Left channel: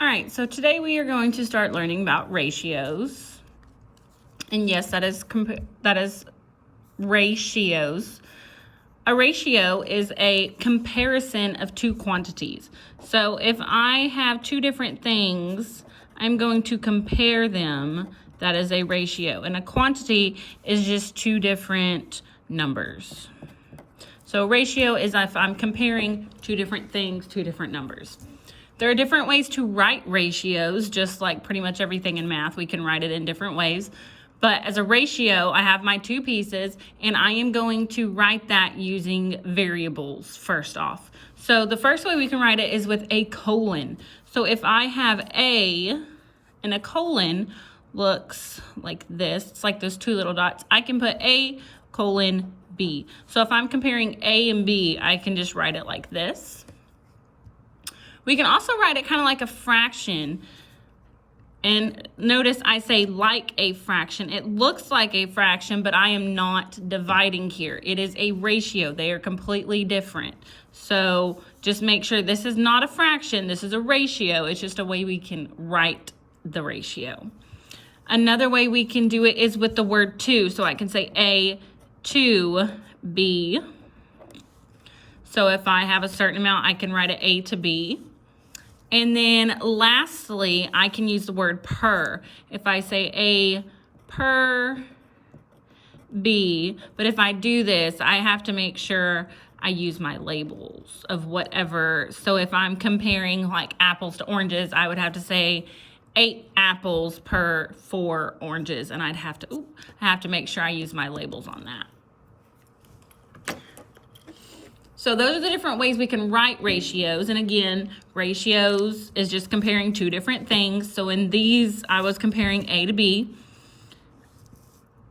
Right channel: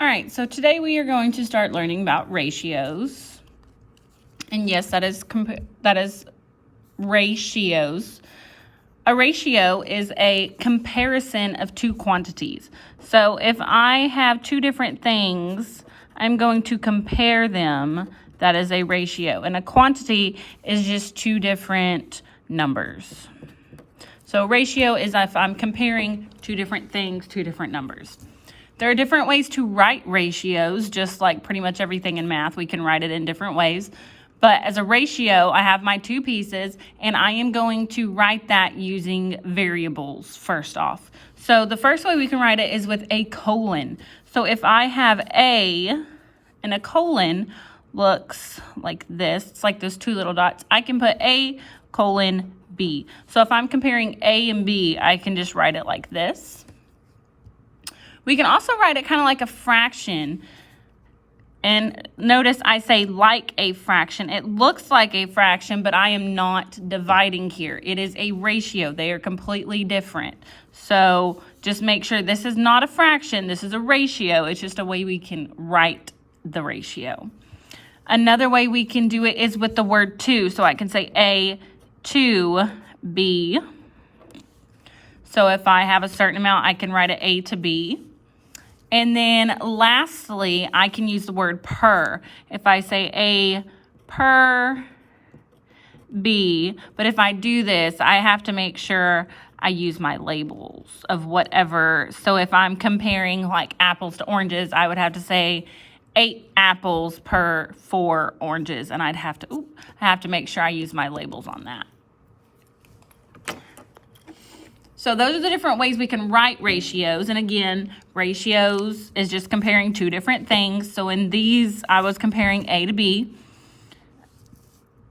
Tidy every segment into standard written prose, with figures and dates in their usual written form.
All right, so today we are going to start learning about ratios. And yes, that is ratios. A ratio is a comparison of two quantities. So if I have two different things, I'm going to compare them. That is a ratio. And a quantity is just two different numbers. So a ratio is if I'm comparing two different things, two different numbers. There are different ways to write ratios, just like pretty much everything in math. We can write it in different ways. But as a ratio, I have my two pieces, and I am going to write that using variables first off. So the first way we can write it is with a colon. So if I have A and a colon looks like this, it's like those two little dots, I can put A colon B. So if I'm comparing A and B, I can just write it like this. We can also write it kind of like a fraction. And notice I say like a fraction. It looks like a fraction, but I am not dividing here. It is a ratio. They are completely different. So just make sure this is not a fraction. This is a ratio. It's just a way we can write the ratio. Another way we can do it is with the word to. So I can say A to B. So if I have a certain amount, I can write it A to B. And then lastly, I can use the word per. If I say A per B, but if I do this, I have to make sure I use my labels of whatever. So if I'm comparing like apples to oranges, I would have to say 8 apples per 4 oranges. And I have to make sure I use my labels on that. So those are the different ways we can write ratios. And again, ratios is just comparing two different things. So in these, I was comparing A to B.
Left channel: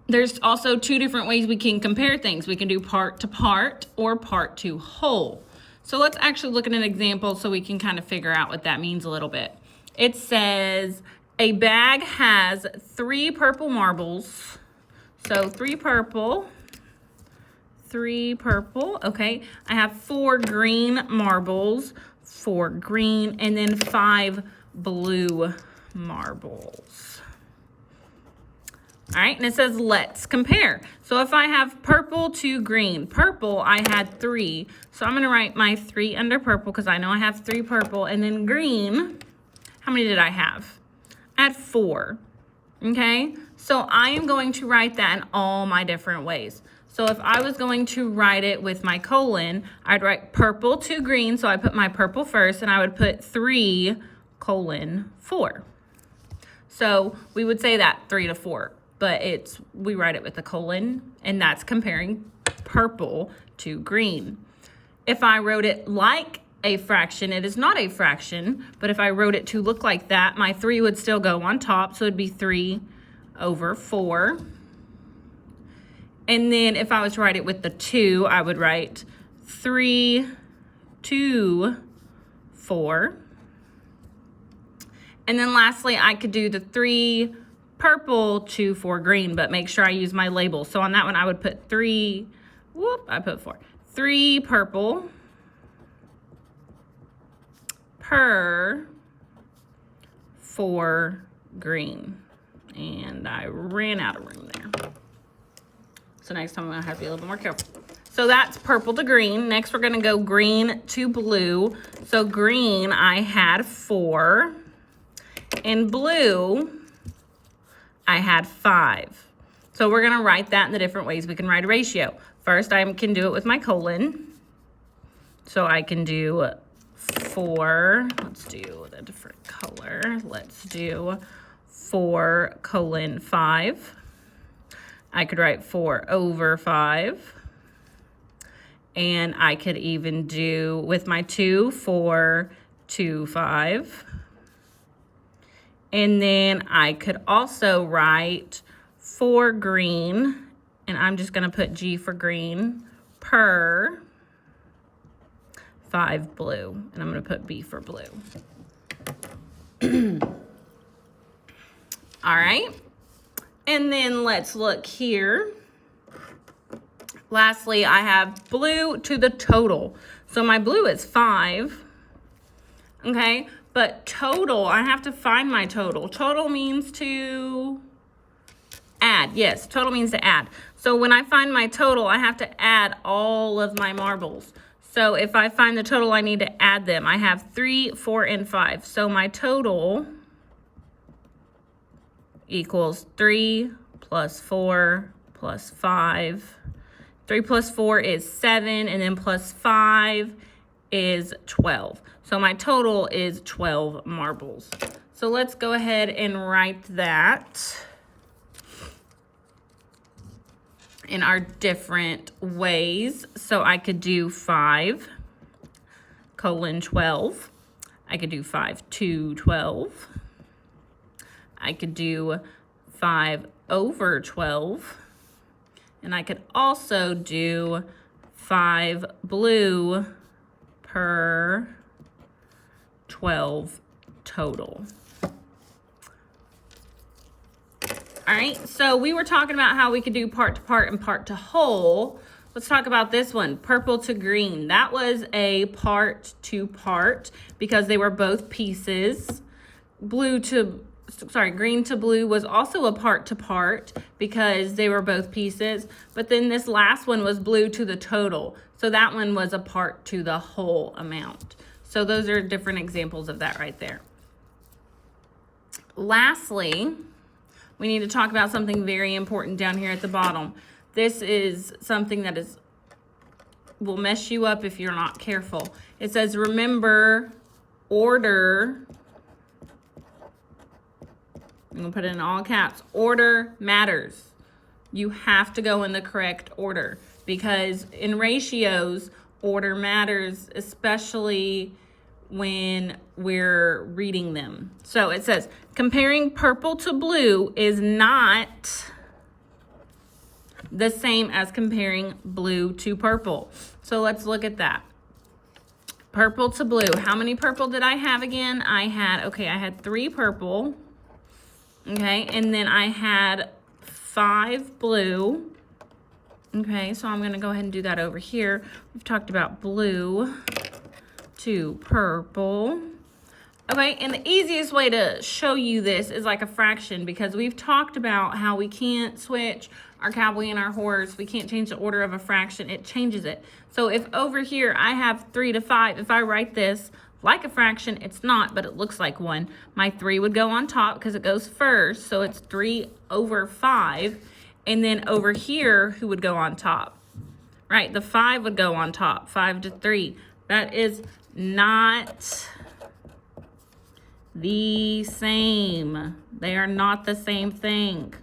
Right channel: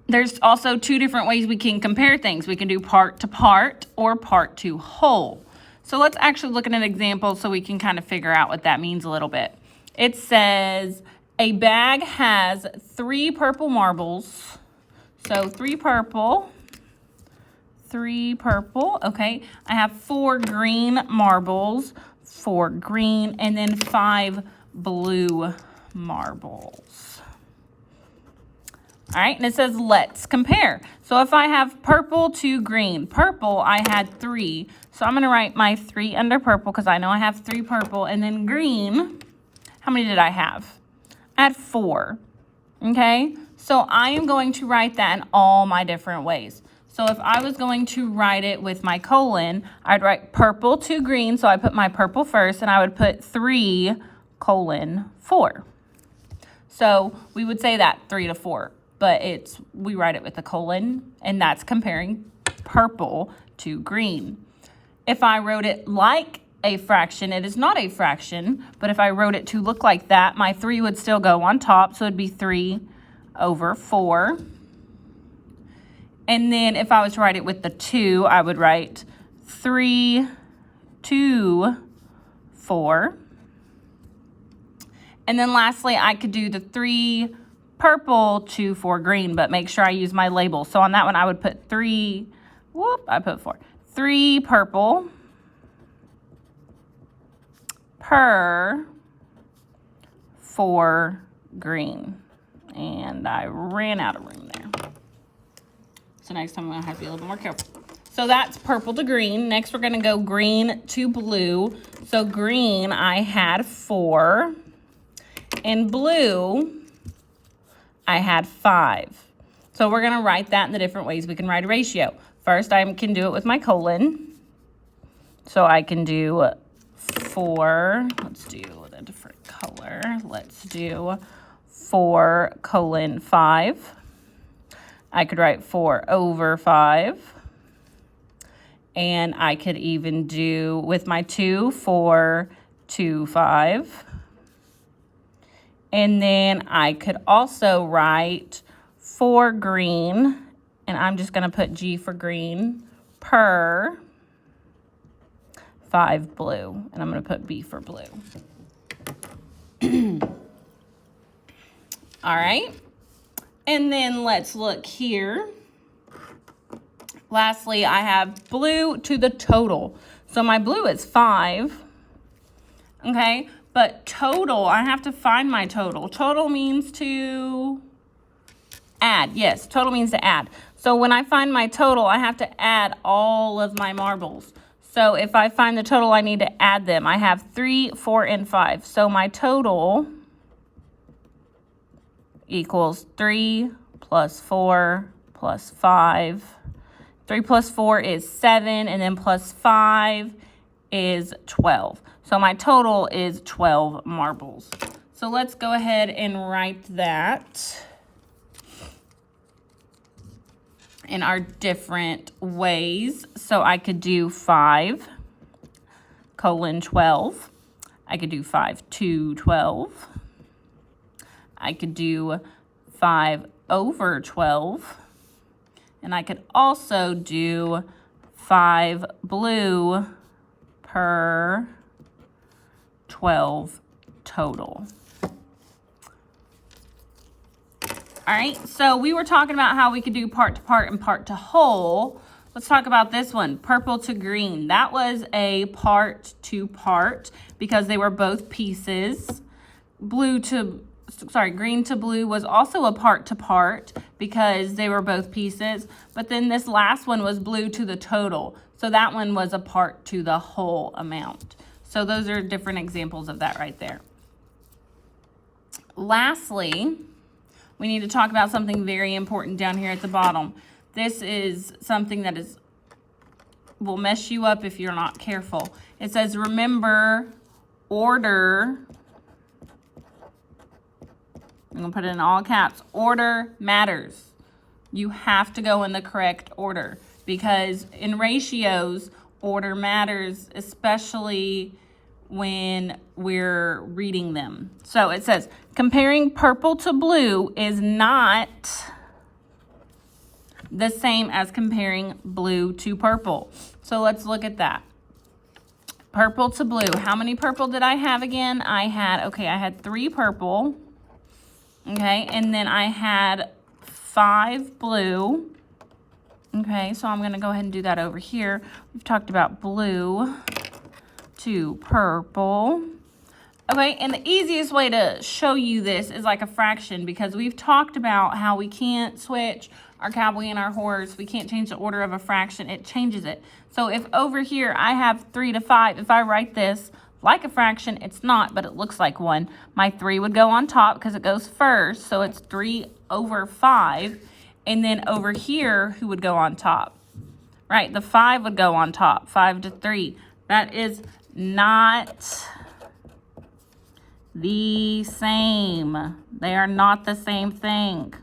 There's also two different ways we can compare things. We can do part to part or part to whole. So let's actually look at an example so we can kind of figure out what that means a little bit. It says a bag has 3 purple marbles. So 3 purple. Okay. I have 4 green marbles, 4 green, and then 5 blue marbles. All right, and it says let's compare. So if I have purple to green, purple I had 3. So I'm going to write my 3 under purple because I know I have 3 purple. And then green, how many did I have? I had 4. Okay, so I am going to write that in all my different ways. So if I was going to write it with my colon, I'd write purple to green. So I put my purple first, and I would put 3 colon 4. So we would say that 3 to 4, but we write it with a colon, and that's comparing purple to green. If I wrote it like a fraction, it is not a fraction, but if I wrote it to look like that, my 3 would still go on top. So it'd be 3 over 4. And then if I was to write it with the 2, I would write 3 to 4. And then lastly, I could do the 3 purple to 4 green, but make sure I use my label. So on that one, I would put 3, I put 4. 3 purple per 4 green. And I ran out of room there. So next time I'm going to have to be a little bit more careful. So that's purple to green. Next, we're going to go green to blue. So green, I had 4. And blue, I had 5. So we're going to write that in the different ways we can write a ratio. First, I can do it with my colon. So I can do 4. Let's do a different color. Let's do 4 colon 5. I could write 4 over 5. And I could even do, with my 2, 4 to 5. And then I could also write 4 green, and I'm just going to put G for green, per 5 blue. And I'm going to put B for blue. All right. And then let's look here. Lastly, I have blue to the total. So my blue is 5. Okay, but total, I have to find my total. Total means to add. Yes, total means to add. So when I find my total, I have to add all of my marbles. So if I find the total, I need to add them. I have 3, 4, and 5. So my total equals 3 plus 4 plus 5. 3 plus 4 is 7, and then plus 5 is 12. So my total is 12 marbles. So let's go ahead and write that in our different ways. So I could do 5 colon 12. I could do 5 to 12. I could do 5 over 12. And I could also do 5 blue per 12 total. All right, so we were talking about how we could do part to part and part to whole. Let's talk about this one, purple to green. That was a part to part because they were both pieces. Green to blue was also a part to part because they were both pieces. But then this last one was blue to the total. So that one was a part to the whole amount. So those are different examples of that right there. Lastly, we need to talk about something very important down here at the bottom. This is something that will mess you up if you're not careful. It says, remember, order, I'm going to put it in all caps, order matters. You have to go in the correct order because in ratios, order matters, especially when we're reading them. So it says, comparing purple to blue is not the same as comparing blue to purple. So let's look at that. Purple to blue. How many purple did I have again? I had 3 purple. Okay, and then I had 5 blue. Okay, so I'm going to go ahead and do that over here. We've talked about blue to purple. Okay, and the easiest way to show you this is like a fraction because we've talked about how we can't switch our cowboy and our horse. We can't change the order of a fraction. It changes it. So if over here I have 3 to 5, if I write this like a fraction, it's not, but it looks like one. My 3 would go on top because it goes first, so it's 3 over 5. And then over here, who would go on top? Right, the 5 would go on top, 5 to 3. That is not the same. They are not the same thing.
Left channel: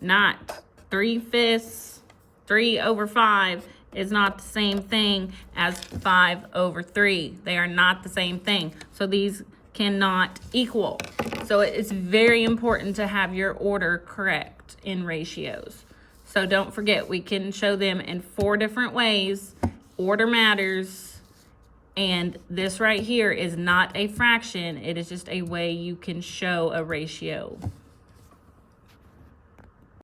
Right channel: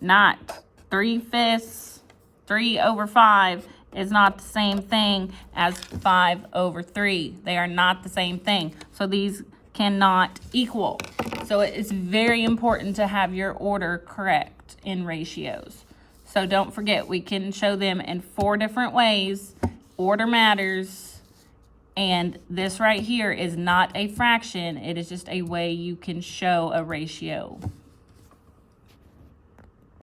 Not 3/5, 3 over 5 is not the same thing as 5 over 3. They are not the same thing. So these cannot equal. So it's very important to have your order correct in ratios. So don't forget, we can show them in 4 different ways. Order matters. And this right here is not a fraction. It is just a way you can show a ratio.